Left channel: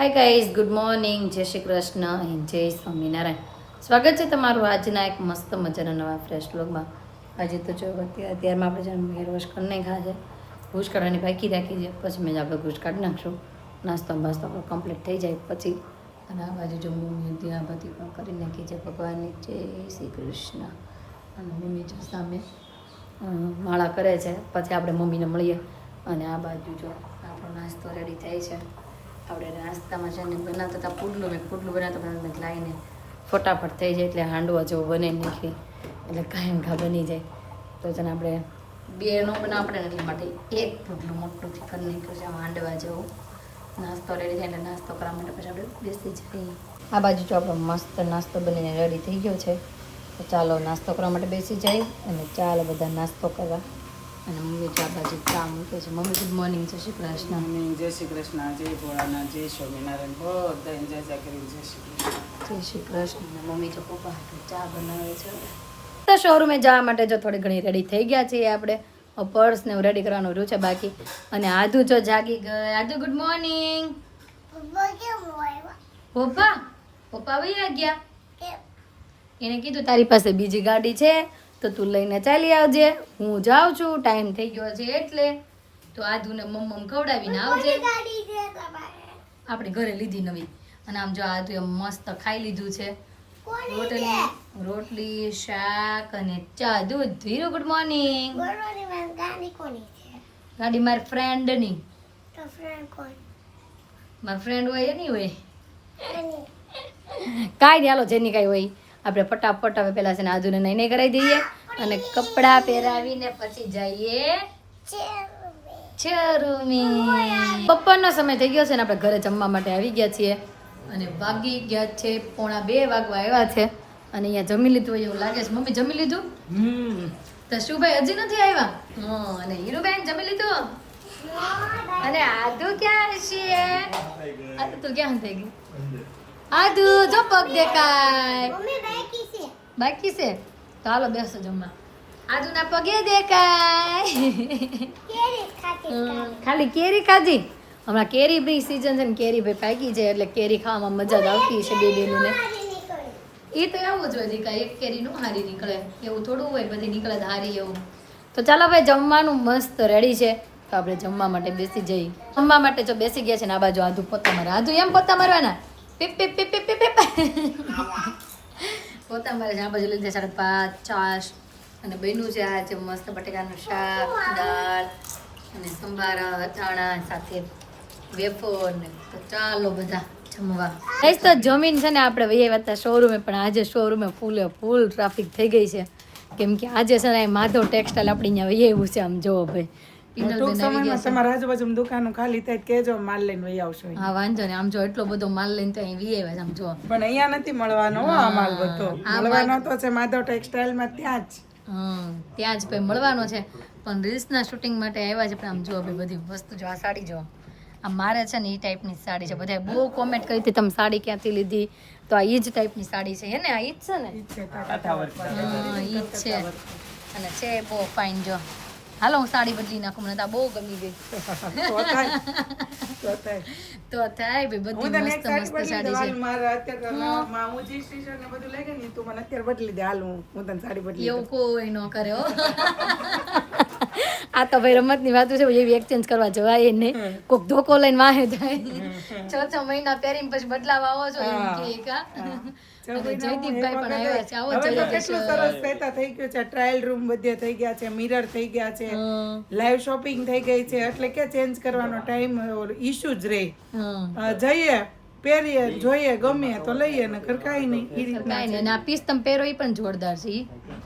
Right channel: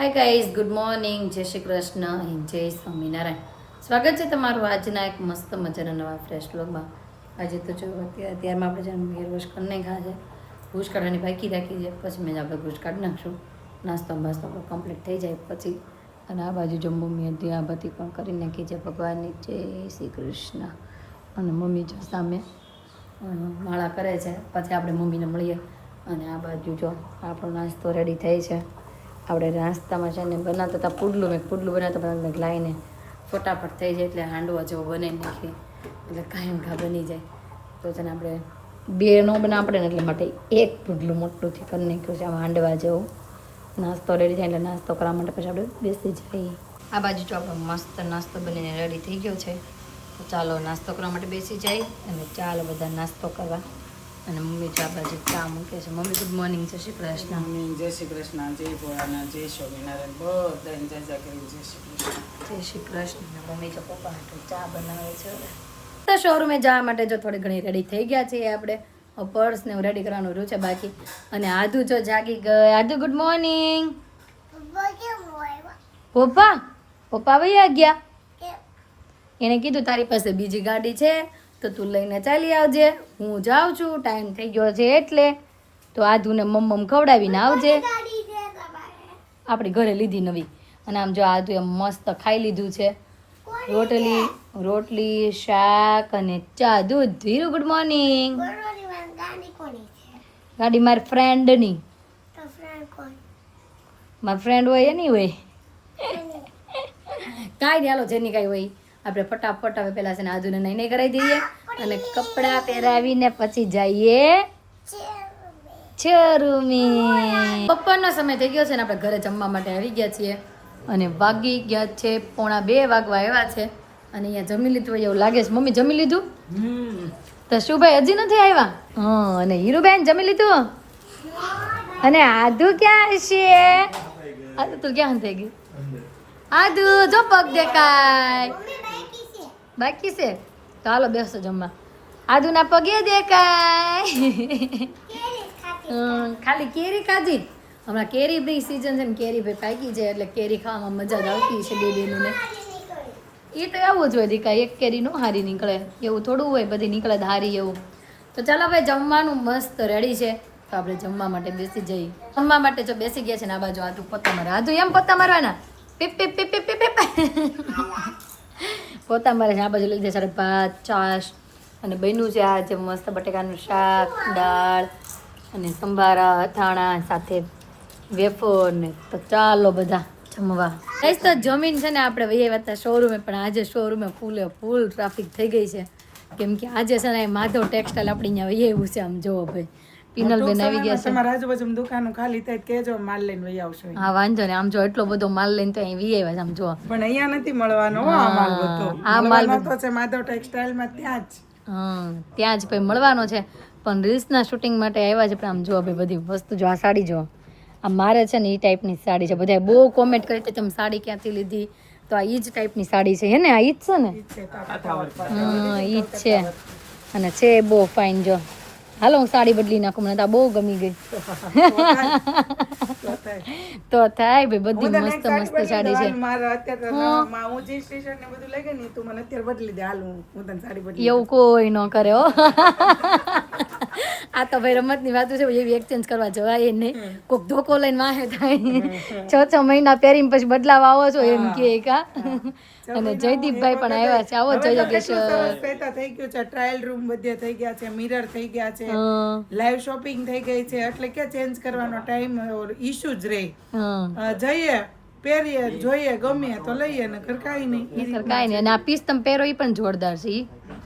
Hi guys, good morning, જય Shri Krishna and જય સ્વામિનારાયણ. સ્વાગત છે તમારું આજના એક મસ્ત મજાના નવા ફ્રેશ વ્લોગમાં. આજે તો જો અત્યારમાં આપણે જેમ હેર વોશ કરી નાખ્યા છે, ઘૂસ કાઢવાની બાકી રાખી છે, પછી મેં આપણે ઘૂસ કાઢી નાખશું. નાસ્તો બાસ્તો આપણો કમ્પ્લીટ થઈ જાય પછી. અને આ બાજુ જો મમ્મી હતી આ બધી પણ કરી નાખી છે ભગવાનની જય શ્રી કૃષ્ણ. અને મમ્મી જો સામે માળા કરે છે, પછી આપણે મમ્મીને મળીએ. અને આ બાજુ જો આપણો નાસ્તો રેડી થઈ છે. આપણે નાસ્તામાં છે ને બનાવતા હતા પુડલું બનાવતા પણ લાવીને ફટાફટ થઈ જાય એટલે હાંડવા જેવો બનાવી નાખીએ એટલે કાંઈ ઘા બની જાય. તો છે ને આપણે બે ન બનાવવા પડે ને એટલે માટે એક પુડલું મોટું કરી નાખ્યું છે. આમાં હાંડવા જેવો નાસ્તો રેડી થાય એટલે નાસ્તો કરવા માટે પછી આપણે બેસી જઈએ. આ બાજુ જો આપણો મસ્ત નાસ્તો બનીને રેડી થઈ ગયો છે. તો ચાલો નાસ્તો કરવા માટે બેસી જાય અને ચાલો બધા નાસ્તો કરવા. અને મમ્મી ચા બાજુ ચા મૂકે છે. મમ્મી ગુડ મોર્નિંગ, જય શ્રી કૃષ્ણ. મમ્મી જય શ્રી કૃષ્ણ, જય ભોળાનાથ, જય સ્વામિનારાયણ, બધાને જય જય કરી જય શ્રી કૃષ્ણ. જય શ્રી કૃષ્ણ. મમ્મી જો પપ્પા હાટુ ચા બનાવે છે. તો શોરૂમે જવા માટે જો થોડી ઘણી રેડી થઈ ગયા છીએ આપણે. પર્સ ને રેડી કરવાનું રહ્યું છે બાકી. અને આદુ જો જાગી ગઈ. આદુ ગુડ મોર્નિંગ. પપ્પા વયા ગયા. એને કીધું તારી પાસે બીજી ગાડી છે તો તું લઈને ચાલી આવજે, હું જાઉં છું, ટાઈમ થઈ ગયો છે એટલે. તો આદુને મમ્મ ખવડાવીને આવજે. આપણી ઘરે લીધી નવી. અને આમ જો આદુ એમ મસ્ત ખાઈ લીધું છે. રોટલી શાક અને ચા દૂધ. Dhiru good morning. ગાડી મારી ફ્રેન્ડની. મારી ફ્રેન્ડ હોય એની હોય કાંઈ નહીં. હાલો જેની કાંઈ હોય આપણે ફટાફટ હવે પહેલાં છે ને આદુને નહીં કરાવી દઈએ અને કપડાં પહેરાવીને પછી જઈએ ચરૂમી. બપોરનો સમય થઈ ગયો છે ને આપણે ઘરે જમવા માટે આવી ગયા છીએ. અને વાગી ગયા છે 1:45 વાગવા આવ્યા છે. અને અહીંયા જમી લીધું હોય એવું લાગે છે. મમ્મી જમી લીધું? તો શુભાઈ હજી નથી આવ્યા? હા. અને હીરુબેન જમી લીધું? અને આદુ ક્યાં છે? આદુ તું ક્યાં થઈ ગઈ? આદુ જો પગ દેખાય. બાકી છે તો હાલો બેસો જમવા. આદુના પગે દેખાય. ખાલી કેરી ખાધી. હમણાં કેરી ભાઈ સીઝન છે ને કેરી ભાઈ પાકી છે એટલે કેરી ખાવામાં મજા જ આવતી છે બે બેનને. એ તો એવું જ હોય દીકા, એક કેરી નો હારી નીકળે એવું થોડું હોય, બધી નીકળે હારી એવું. તો ચાલો ભાઈ જમવાનું મસ્ત રેડી છે તો આપણે જમવા માટે બેસી જઈએ. જમવા માટે જો બેસી ગયા છે ને આ બાજુ આદુ પોતા મારે. આદુ એમ પોતા મારવાના પીપ પીપ પીપ પીપ પીપ પોતા મારે છે. આ બાજુ લઈ જાય ભાત છાશ અને બન્યું છે આ જે મસ્ત બટેકાનું શાક, દાળ અને સંભારા અથાણા સાથે વેફર ને. તો ચાલો બધા જમવા. કઈ તો જમીન છે ને આપણે વહી આવ્યા હતા શોરૂમે, પણ આજે શોરૂમે ફૂલ ટ્રાફિક થઈ ગઈ છે કેમ કે આજે છે ને માધવ ટેક્સટાઇલ આપણી અહીંયા વહી આવ્યું છે. આમ જોવો ભાઈ પિનલબેન આવી ગયા છે. તમારા આજુબાજુ દુકાનો ખાલી થાય કેજો, માલ લઈને વહી આવશો. હા વાંધો ને. આમ જો એટલો બધો માલ લઈને તો અહીં વી આવ્યા છે. આમ જો પણ અહીંયા નથી મળવાનો આ માલ બધો. આ માલ તો છે માધવ ટેક્સટાઇલ માં ત્યાં જ. ત્યાં જ ભાઈ મળવાનો છે. પણ રીલ્સના શૂટિંગ માટે આવ્યા છે. પણ આમ જો ભાઈ બધી વસ્તુ જો. આ સાડી જો આ મારે છે ને એ ટાઈપની સાડી છે. બધાએ બહુ કોમેન્ટ કરી હતી તમે સાડી ક્યાંથી લીધી, તો આ એ જ ટાઈપની સાડી છે. હે ને આ ઈ જ છે ને? હા ઈ જ છે. અને છે બહુ ફાઇન. જો હાલો હું સાડી બદલી નાખું, મને તો આ બહુ ગમી ગઈ. તો થાય ભાઈ બધી મસ્ત મસ્ત સાડી છે. એવું કોઈ ન કરે હો. આ તો ભાઈ રમતની વાતો છે, એવી એક્સચેન્જ કરવા જવાય નહીં. કોઈક ધોકો લઈને વાહે થાય 6 મહિના પહેરીને પછી બદલાવા આવો છો એમ કે કા. અને જયદીપભાઈ પણ આવ્યા છે. આવો જયયોગેશ્વર. થઈ ગયું છે, ટ્રાયલ રૂમ બધે થઈ ગયા છે, મિરર થઈ ગયા છે, લાઈવ શોપિંગ થઈ ગઈ છે. એટલે કે ચેન્જ કરવાનો ટાઈમ ઇશ્યુ જ રહે. જઈએ પહેરીએ જોઈએ ગમે તો લઈએ ને કાંઈ નહીં. કાંઈ નહીં. અને આ પીસ તમે પહેરો એ પણ જોરદાર છે.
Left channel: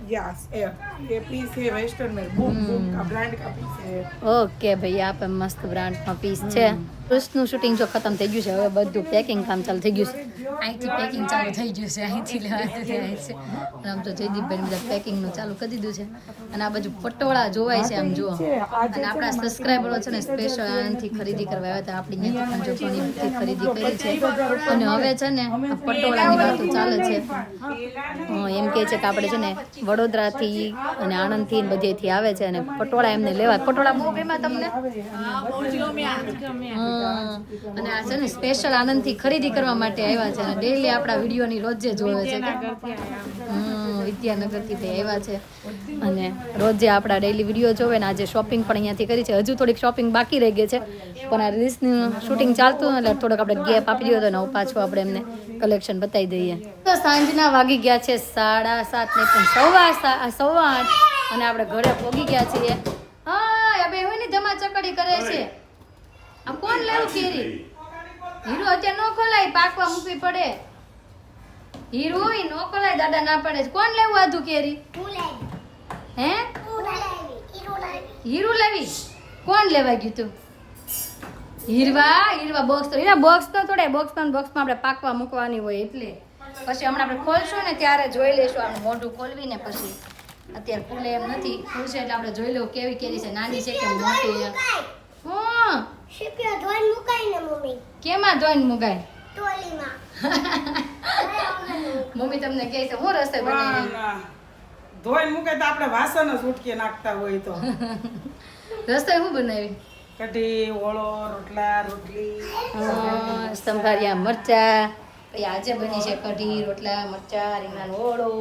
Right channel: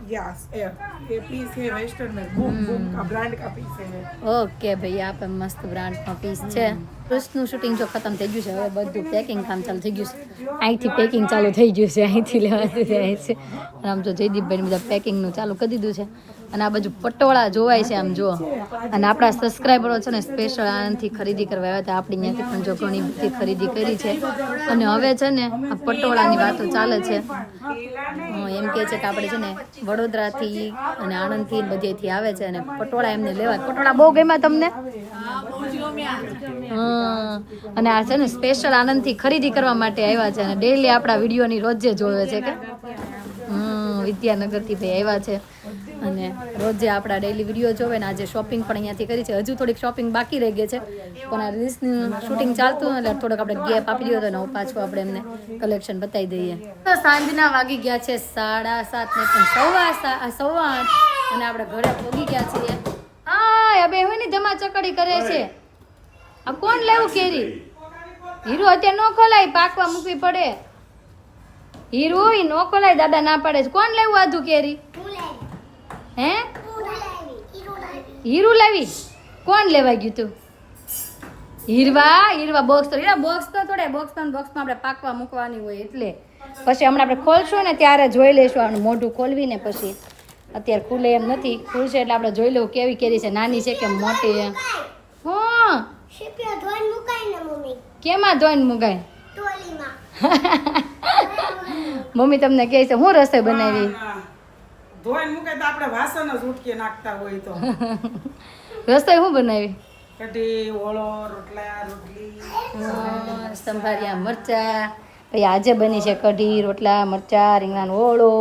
यस ये पीस है वेस्टर्न में बूम बूम का ब्रांड का पीस है. ઓકે ભાઈ આ પણ મસ્ત બ્રાન્ડમાં પીસ છે. પૃષ્ઠનું શૂટિંગ જો ખતમ થઈ ગયું છે. હવે બધું પેકિંગ કામ ચાલુ થઈ ગયું છે. અહીંથી પેકિંગ ચાલુ થઈ ગયું છે. અહીંથી લેવાતું જાય છે. અને આમ તો જયદીપભાઈ બધા પેકિંગનું ચાલુ કરી દીધું છે. અને આ બાજુ પટોળા જોવાય છે આમ જુઓ. અને આપણા સબસ્ક્રાઈબરો છે ને સ્પેશિયલ આનાથી ખરીદી કરવા આવ્યા હતા. આપણી ત્યાંથી પણ જો ઘણી બધી ખરીદી કરી છે. અને હવે છે ને આ પટોળાની વાતો ચાલે છે. એમ કહે છે કે આપણે છે ને વડોદરાથી અને આણંદથી ને બધેથી આવે છે અને પટોળા એમને લેવા. પટોળા બહુ ગમ્યા તમને? હા. અને આ છે ને સ્પેશિયલ આણંદથી ખરીદી કરવા માટે આવ્યા છે અને ડેઈલી આપણા વિડીયોની રોજે જોવે છે કે વિદ્યાનગરથી ભાઈ આવ્યા છે અને રોજે આપણા ડેઈલી વિડીયો જોવે ને આજે શોપિંગ પણ અહીંયાથી કરી છે. હજુ થોડીક શોપિંગ બાકી રહી ગઈ છે પણ આ રીલ્સનું શૂટિંગ ચાલતું એટલે થોડોક આપણે ગેપ આપી દીધો તો પાછું આપણે એમને કલેક્શન બતાવી દઈએ. તો સાંજના વાગી ગયા છે 7:30 ને પણ 8:15 અને આપણે ઘરે પહોંચી ગયા છીએ. હા હવે હોય ને જમા ચકડી કરે છે. આ કોણ લેવું કેરી? હીરો અત્યારે નો ખોલાય, પાકવા મૂકવી પડે. હીરો ઈ નો ખોલાય, દાદા ના પાડે છે. કોણ લેવું આધું કેરી? હે હીરું લાવી? કોણ લેવા ગયું તું? હીરવા બોક્સ તો બોક્સ તો થોડે બોક્સમાં આપણે પાકવા મૂકવાની હોય એટલે પછી હમણાં આપણે ખોલશું ને ત્યારે જોઈ લઈશું. મોઢું ખોલવીને પછી અત્યારે ખુલે એમ નથી. ખુલશે એટલે આપણે જોઈ લઉં કેવી કેરી છે, નાની છે કે મોટી એમ. હા કેમાં ધોઈને મુકાય? મમ્મી તમને કહે છે હું રસોઈ બનાવી? ધોઈને મુકાય તો આપણે વાસણ જ ઉટકી નાખતા હોય તો. રસોઈ હું બનાવી? કઢી, ઓળો, રોટલા, રોટલી, સંભારિયા મરચા. પછી આજે બની છે કઢી, રોટલા, મરચા, રીંગણાનો ઓળો.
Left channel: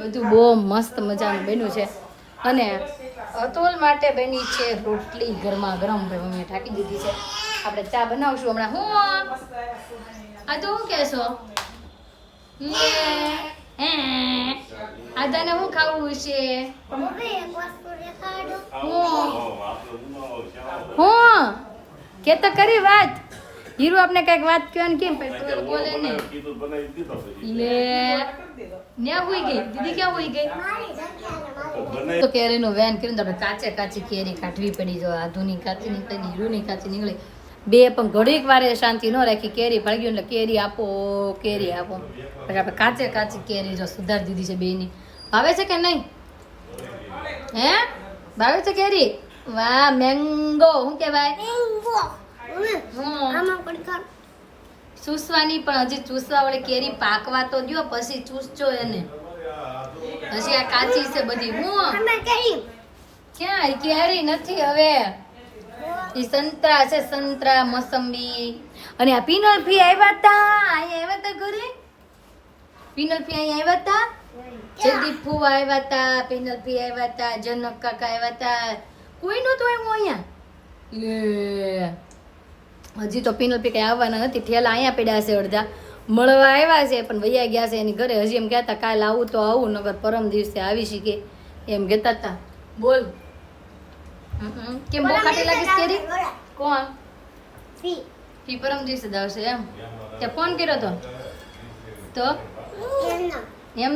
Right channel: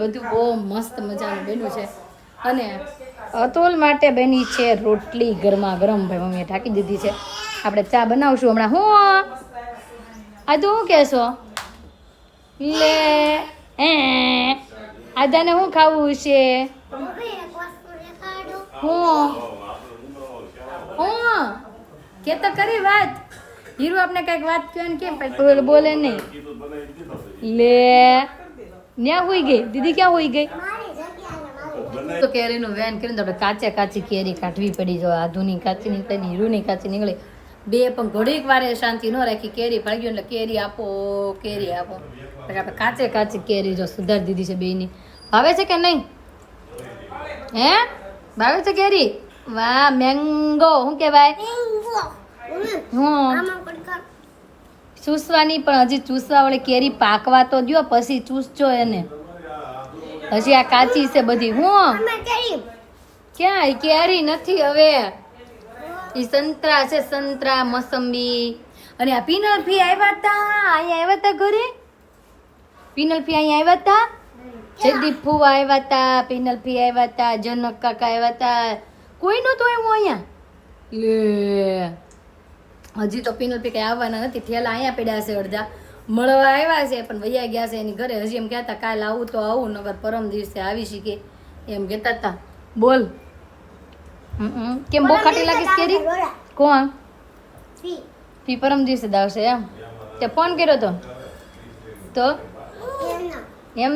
બધું બહુ મસ્ત મજાનું બન્યું છે અને અતુલ માટે બની છે રોટલી ગરમા ગરમ. ભાઈ મમ્મીએ ઢાંકી દીધી છે. આપણે ચા બનાવશું હમણાં. હું આ તું કહેશો લે આજાને શું ખાવું છે? હું કે તો કરી વાત. હીરો આપણે કઈક વાત કહો ને કેમ પછી બોલે નહીં. લે ન્યા હોઈ ગઈ દીદી, ક્યાં હોઈ ગઈ? તો કેરીનું વેન કરીને તો આપણે કાચી કેરી કાઢવી પડી. જો આધુની કાચી નીકળી, હીરુની કાચી નીકળી. બે પણ ઘડીક વારે શાંતિ ન રાખી. કેરી ભાગી એટલે કેરી આપો કેરી આપો. પછી આપણે કાચી કેરી જો સુધારી દીધી છે બેયની. ભાવે છે કે નહીં? હે ભાવે છે કેરી? વાહ મેંગો. શું કહેવાય? ચૂસવાની પણ હજી ચૂસવા વળી કેરી પાકવા તો દ્યો પછી ચૂસજો એને. હજી આ કાચી છે બધી. હું ક્યાં કેરી નથી હવે. ઈ સંતરા છે, સંતરા, મોસંબી. અને આ પિનલફી આવ્યા તા. અહીંયા આવ્યા તા ઘરે. પિનલફી અહીંયા આવ્યા તા. જયદીપ ફુવા આવ્યા તા, પિનલફી આવ્યા તા, જનક કાકા આવ્યા તા. કોઈ નહોતું આવ્યું અહીંયા. લે હજી તો પિનલફી કઈ આવવાના નથી. ઠેલા અહીંયા પડ્યા છે અડધા. મળવા આવ્યા છે પણ વૈયા ગયા છે એની ઘરે. હજી એમ કહેતા કાલે આવું તો આવું, નગર પરમ દિવસે આવી શીખે એમ કહેતા હતા. બોલ કેમ બહુ ખાટી લાગીશ કેરી? કોણ? ફી પરમ દિવસે જ આવશે એમ. તે ફોન કર્યો તો એમ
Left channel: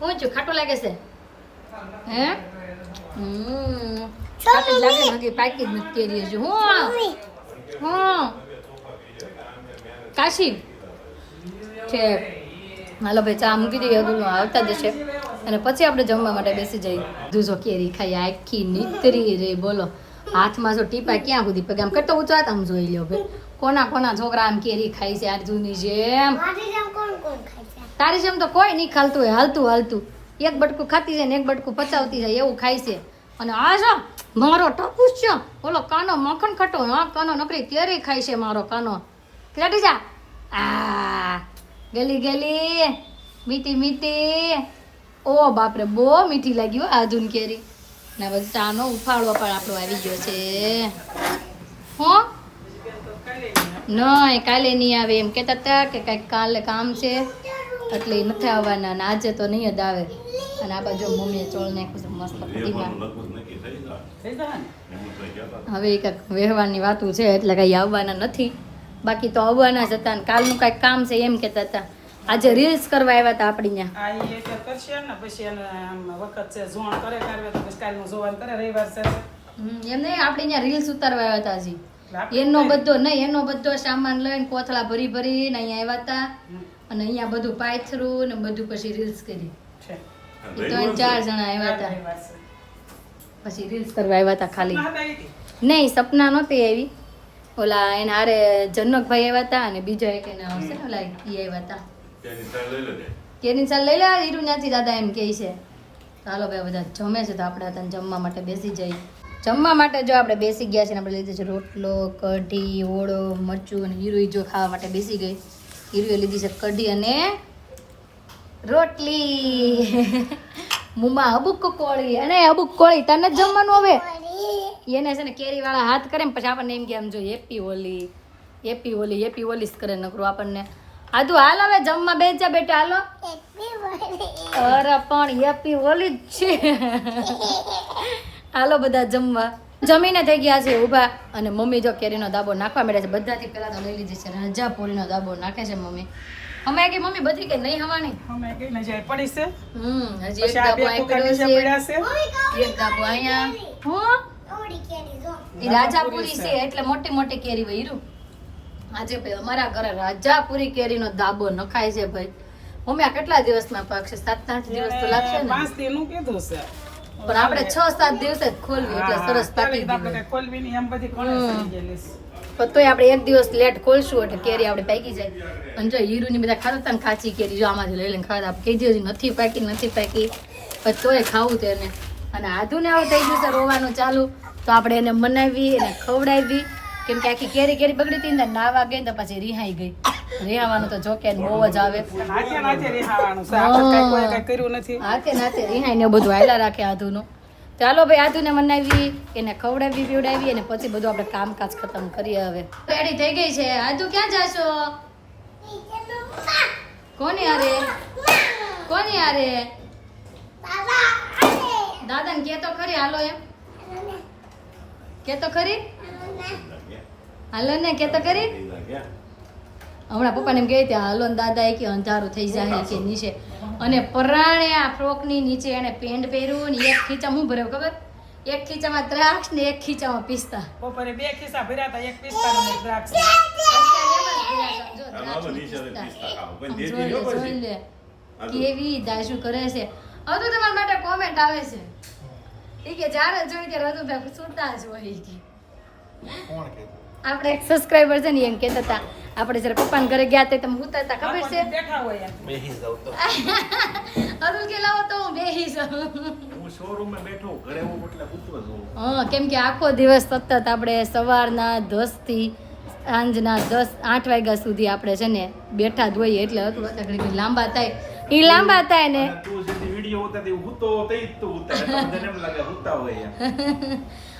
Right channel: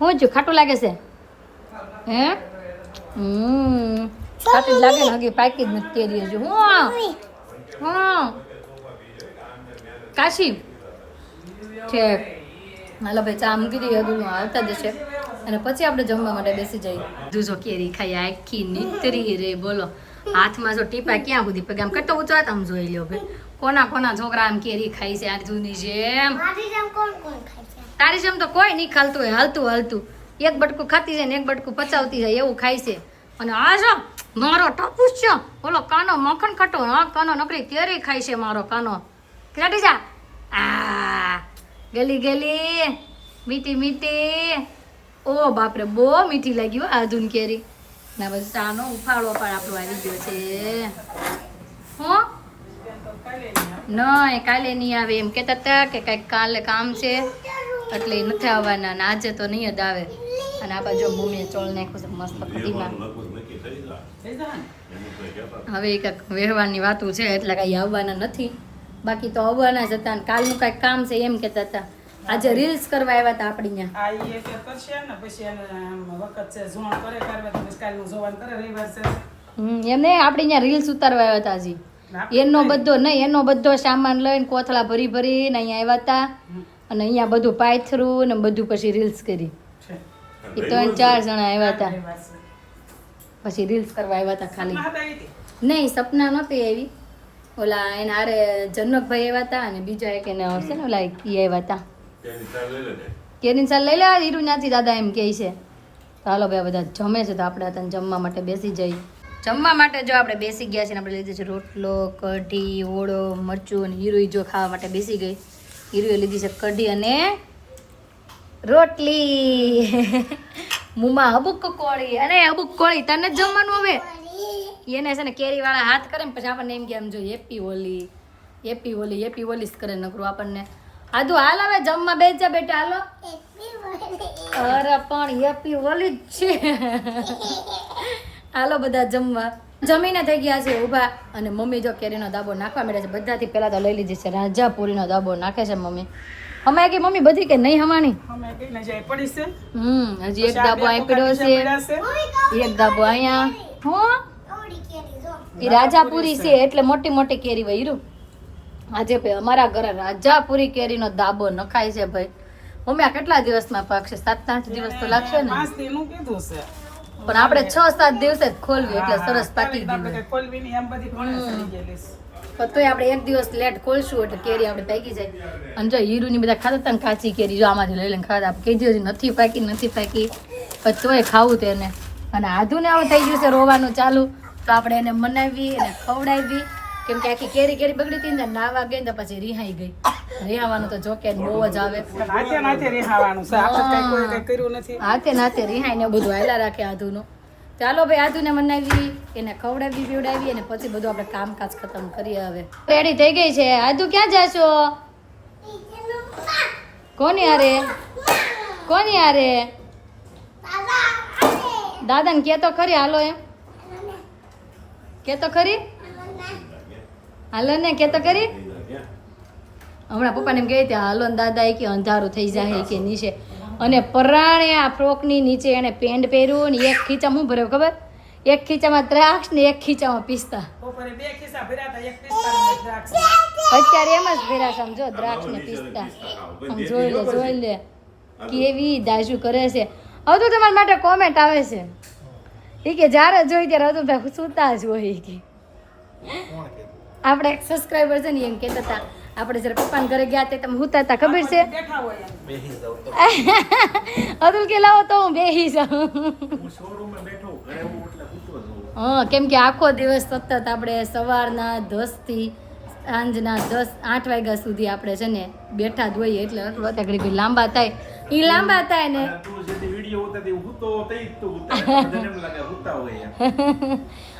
હું જો ખાટું લાગે છે? હે ખાટી જ લાગે ને. હજી પાકી જ નથી કેરી હજુ. હું કાશી છે. હાલો ભાઈ ચા મૂકી દઈએ. અદુલ આવતા જશે અને પછી આપણે જમવા માટે બેસી જઈએ. જો કેરી ખાઈ આખી નીતરી રે. બોલો હાથમાં જો ટીપા ક્યાં સુધી પગે. આમ કેટલો ઉતરાત આમ જોઈ લ્યો ભાઈ. કોના છોકરા આમ કેરી ખાઈ છે આજુની જેમ? તારી જેમ તો કોઈ નહીં ખાલતું હોય. હાલતું એક બટકું ખાતી જાય ને એક બટકું પચાવતી જાય એવું ખાય છે. અને આ જો મારો ટપુસ છે ઓલો કાનો મખણ ખટો. હા કાનો નકરી કેરી ખાય છે મારો કાનો. કેટી જા આ ગલી મીઠી. ઓ બાપરે બહુ મીઠી લાગી હો આધુન કેરી. ના બધું ચાનો ઉફાળો પણ આપણો આવી ગયો છે. હો નહીં કાલે નહીં આવે એમ કહેતા હતા કે કંઈક કાલે કામ છે એટલે નથી આવવાના. અને આજે તો નહીં જ આવે. અને આ બાજુ મમ્મીએ ચોળ નાખ્યું છે મસ્ત કઢીમાં. હવે એ કંઈક વ્યવહારની વાતું છે એટલે કંઈ આવવાના નથી. બાકી તો આવવાના જ હતા. કાલનું કાંઈક કામ છે એમ કહેતા હતા. આજે રીલ્સ કરવા આવ્યા હતા આપણી ત્યાં. એમને આપણે અહીંયા રીલ્સ ઉતારવા આવ્યા હતા હજી. એનો બધો સામાન લઈને કોથળા ભરીને અહીંયા આવ્યા હતા. અને અહીંયા બધું પાયથરું ને બધું પછી રીલ્સ કરી. 3-4 જણા આવ્યા હતા. પછી રીલ્સ કરવા આવ્યા હતા ખાલી. નહીં સપના નહોતી આવી. ઓલા એના હારે જનકભાઈ આવ્યા હતા અને બીજા એક એને હશે ને ઓલા ઈ આવ્યા હતા. કેરીની સાલ લઈ લે હીરું ત્યાંથી દાદા એમ કહે છે. ચાલો ભાઈ બધા જમે છે તો આપણે અત્યારે જમવા માટે બેસી જઈએ. જમવા માટે જો આપણે બેસી ગયા છે ને આપણે લીધું છે રોટલો, કઢી, ઓળો, મરચું અને હીરુઈ જો ખાવા માટે બેસી ગઈ. હીરુએ લીધી છે કઢી અને રોટલી. મુમા અબુક કોળી અને અબુક કોળી તને જ જમવાનું હવે એને છે ને કેરી વાળા હાથ કરે ને પછી આપણને એમ કે આમ જો happy Holi happy Holi happy Holi જ કરે નકરું આપણને. આદુ હાલ હવે જમવા બેસી જા બેટા હાલો. અરે પણ હેપી હોલી જ છે. હાલો બધા જમવા. જમીને થઈ ગયા છે ઊભા અને મમ્મી જો કેરીનો દાબો નાખવા માંડ્યા છે. બધાથી પહેલા તો લઈ લીધી છે રાજાપુરીનો દાબો નાખે છે મમ્મી. અમે કે મમ્મી બધી કે નહીં હવાની અમે કઈ ન જાય પડી છે. હજી એક દાબો અહીં પડ્યો છે, એક દાબો અહીંયા. હું એ રાજાપુરી છે એટલે મોટી મોટી કેરી હોય હીરું. આજે ભાઈ અમારા ઘરે રાજાપુરી કેરીનો દાબો નખાય છે ભાઈ. મમ્મી આ કેટલા દિવસમાં પાકશે? 7-8 દિવસ તો લાગશે ને? 5 દિનનું કીધું છે પણ આપણે 6-7 દિવસે જ ખોલવી એટલે સરસ પાકી ગયું. ખોલવી ની એમ બધી ઘણા સડી ગયેલી છે. પણ તોય આપણે એક દિવસ લેટ ખોલશું એટલે કેરી આપણે પાકી જાય. અને જો હીરુની બધા ખાતા હતા ને કાચી કેરી જો આમાંથી લઈ લઈને ખાતા કીધી હજી નથી પાકી પણ તોય ખાવું તેને. અને આધુને આવું થઈ ગયું છે રોવાનું ચાલુ તો આપણે એને મનાવી એને ખવડાવી કેમ કે આખી કેરી બગડી હતી ને નાવા ગઈ ને તો પછી રિહાઈ ગઈ. રિહાવાનું તો જોકે બહુ જ આવે. હાથે નાથે રિહાઈ ને બધું હાયલા રાખે આધુનું. ચાલો ભાઈ આધુને મનાવી એને ખવડાવી પીવડાવી અને પછી બધું આપણે કામકાજ ખતમ કરીએ. હવે રેડી થઈ ગઈ છે. આધુ ક્યાં જાશો? કોની હારે? કોની હારે? દાદાને કે તો ખરી હાલો એમ કે તો ખરી હાલો ને કે તો ખરી. હમણાં પપ્પાને એમ કહે ત્યાં હાલો ને દાદા કે અંધારું થઈ જાય કે નીચે. અને પરાણે આ ફ્રોકની નીચે એને પેન્ટ પહેર્યું ને એક ખીચામાં હું ભર્યો ખબર? એક ખીચામાં દ્રાક્ષ ને એક ખીચામાં પિસ્તા. બપોરે 2 ખિસ્સા ભર્યા હતા, એક પિસ્તા ને એક દ્રાક્ષ. અત્યારે એમ જ ભર્યા છે જો દ્રાક્ષ ને પિસ્તા. આમ જોઈ લે કેવી દાજુ કરે છે. હવે તો તમારા માટે કોમેન્ટ આવે છે ઈ કે જ્યારે જોઈ ત્યારે હતું ભાઈ સુતા જ હોય કે આપણે એક સબસ્ક્રાઇબર છે ને એમ કહેતા હતા આપણે જ્યારે પપ્પાને ઘરે ગયા તે તમે હુતા હતા ખબર છે? બેઠા હોય બેહી જાવ તો અતુલ કે લાવો તો હું બેહી જાઉં. હું શોરૂમમાં બેઠો ઘરે હું એટલે સૂતો જ હોઉં. હા કેમ કે આખો દિવસ સતત આપણે સવારના 10 થી સાંજના 8 વાગ્યા સુધી આપણે છે ને બેઠા જ હોઈએ એટલે ઘડી લાંબા થાય એ લાંબા થાય ને તું જેથી વિડિયો ઉતારતી હું તો તઈ જ તું ઉતાર એટલે બધાને એમ લાગે હુતા હોય એમ.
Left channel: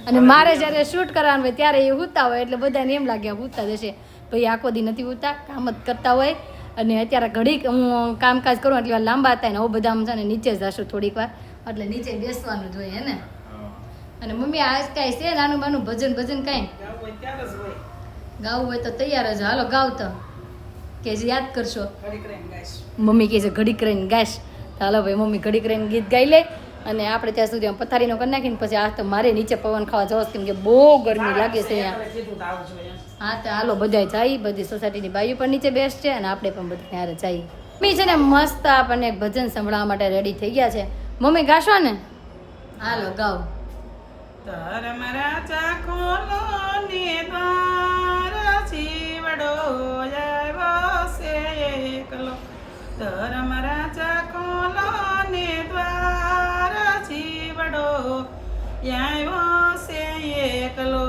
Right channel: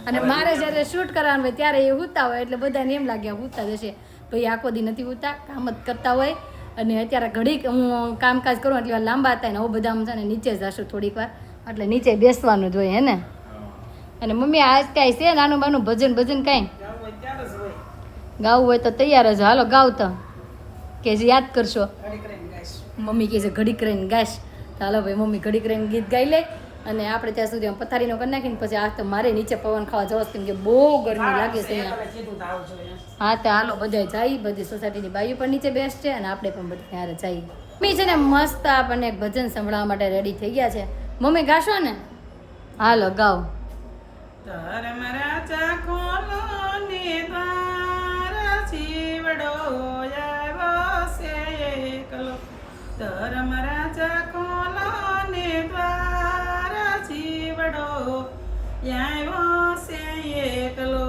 અને મારે જ્યારે શૂટ કરવાનું હોય ત્યારે એ હુતા હોય એટલે બધાને એમ લાગે હુતા જશે ભાઈ આખો દી નથી હુતા કામ જ કરતા હોય. અને અત્યારે ઘડીક હું કામકાજ કરું એટલે લાંબા થાય ને હવે બધા આમ છે ને નીચે જશું થોડીક વાર એટલે નીચે બેસવાનું જ હોય હે ને. અને મમ્મી આજ કાંઈ છે નાનું બાનું ભજન કાંઈ જાવું હોય ત્યારે જ હોય. ગાવું હોય તો તૈયાર જ હાલો ગાવ તો કે જે યાદ કરશો. ઘડીક રહીને ગાઈશ. મમ્મી કહે છે ઘડીક રહીને ગાઈશ તો હાલો ભાઈ મમ્મી ઘડીક રહીને ગીત ગાઈ લે અને આપણે ત્યાં સુધી પથારીનો કરી નાખીને પછી આજ તો મારે નીચે પવન ખાવા જવો કેમ કે બહુ ગરમી લાગે છે અહીંયા. કીધું તો આવજો એમ. હા તો હાલો બધા જાય બધી સોસાયટીની બાયુ પણ નીચે બેસશે અને આપણે પણ બધા ત્યારે જઈએ. મમ્મી છે ને મસ્ત આપણને એક ભજન સંભળાવવા માટે રેડી થઈ ગયા છે. મમ્મી ગાશો ને? હાલો ગાઓ. ધર્મ રાજા ખોલો ને દ્વાર જીવડો આવ્યો છે એકલો. ધર્મ રાજા ખોલો ને દ્વાર જીવડો આવ્યો છે એકલો.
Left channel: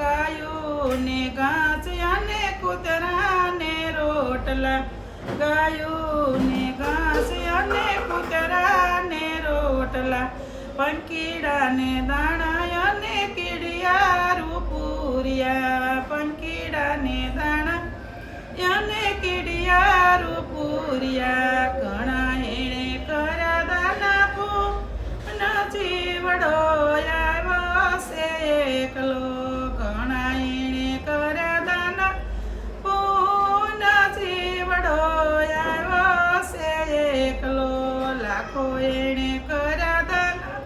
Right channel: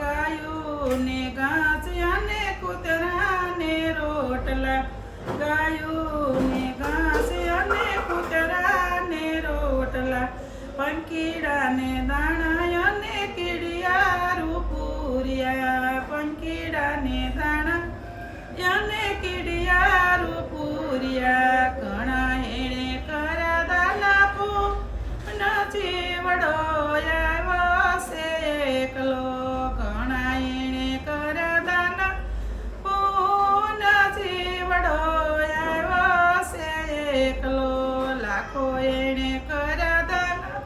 ગાયું ને ઘાસ અને કૂતરા ને રોટલા ગાયું ને ઘાસ અને કૂતરા ને રોટલા પંકીડા ને દાણા અને કીડિયારું પૂર્યા પંકીડા ને દાણા અને કીડિયારું પૂર્યા ઘણા એણે કરા દાના પૂના જીવડો આવ્યો છે એકલો. ઘણા એણે કરા દાના પૂના જીવડો આવ્યો છે એકલો. લાખો એણે કરા દાના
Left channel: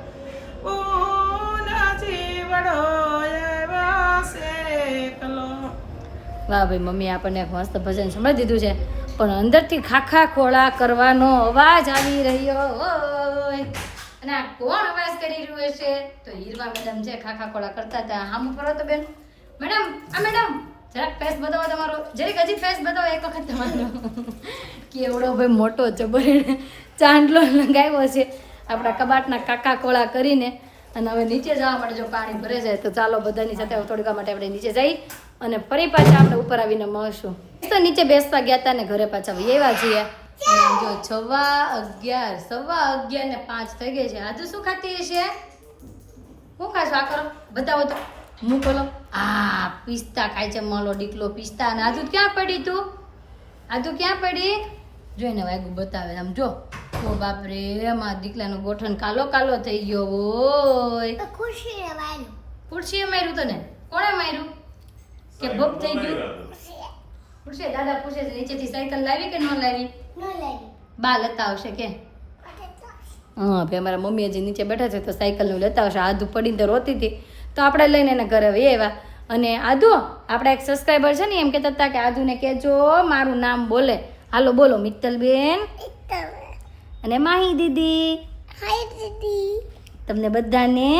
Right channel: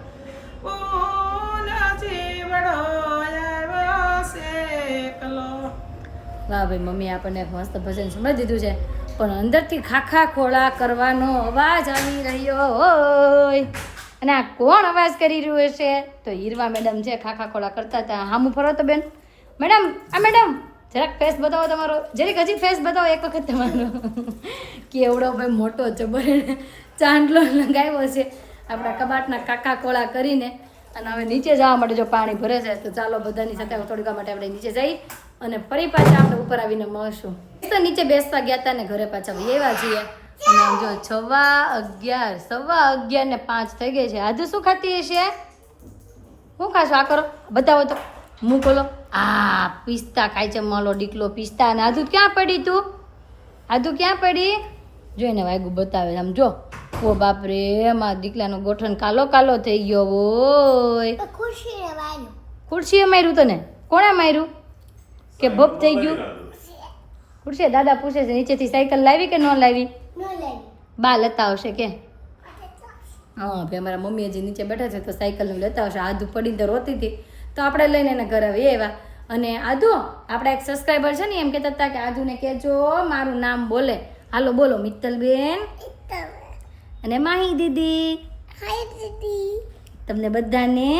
પૂના જીવડો આવ્યો છે એકલો. વાહ ભાઈ મમ્મી આપણને એક મસ્ત ભજન સંભળાવી દીધું છે પણ અંદરથી ખાખા ખોળા કરવાનો અવાજ આવી રહ્યો હોય. અને આ કોણ અવાજ કરી રહ્યું છે? તો હીરવા મેડમ છે ખાખા ખોળા કરતા હતા. હામું ફરો તો બેન મેડમ આ મેડમ જરાક ફેસ બતાવો તમારો, જરીક હજી ફેસ બતાવો એક વખત તમારો. કેવડો ભાઈ મોટો જબર ચાંદલો લગાવ્યો છે આપણા કબાટના કાકા કોળા કરીને. અને હવે નીચે જવા માટે જો પાણી ભરે છે તો ચાલો બધાની સાથે થોડીક વાર માટે આપણે નીચે જઈ અને ફરી પાછા આપણે ઉપર આવીને મળશું. તો નીચે બેસતા ગયા હતા ને ઘરે પાછા એવા છીએ. અને આમ જો 11:15 થઈ ગઈ છે. આજે શું ખાતી હશે? શું ખાશો? આ કરો, બતાવો તો, મું ખોલો. આ પિસ્તા ખાય છે માલો ડીકલો પિસ્તા. અને આદુ ક્યાં પડી તું? આદુ ક્યાં પડી? જોઈને વાગ્યું બતાવે આમ જો. ઓ બાપ રે, મારા દીકલાનો ગોઠણ કાલો કાલો થઈ ગયો હોય. ખુરશીએ માર્યું તને? કોણે માર્યું કે ભપ થઈ ગયું? ખુરશીએ. દાદા પૂછે છે નીચેથી સાયકલ લાવી કે ન લાવી? બા લેતા આવશે કે? હા ભાઈ, અમારા મમ્મી હજી નીચે બેઠા છે તો સાયકલનું લેતા આવશે. આદુ પડીને તો રોતી હતી તો આપણે લઈને એને ઘરે આવી આવ્યા. અને આદુ, આપણા એક સબસ્ક્રાઈબર છે ને એમ કહેતા હતા કે આદુને કહેજો મારું નામ બોલે. હાલો બોલો. મિત્તલબેન અને માહી દીદી. હાય દીદી. તમને બધાને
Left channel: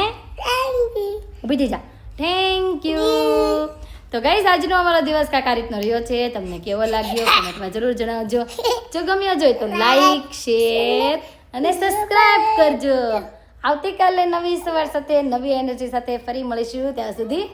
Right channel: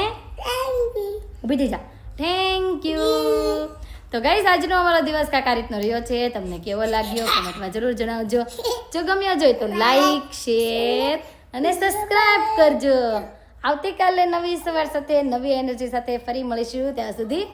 ઊભી થઈ જા. Thank you. તો ગાઈસ, આજનો અમારો દિવસ કાંઈક આ રીતનો રહ્યો છે. તમને કેવો લાગ્યો કમેન્ટમાં જરૂર જણાવજો. જો ગમ્યો જોઈએ તો લાઈક, શેર અને સબસ્ક્રાઇબ કરજો. આવતીકાલે નવી સવાર સાથે નવી એનર્જી સાથે ફરી મળીશું. ત્યાં સુધી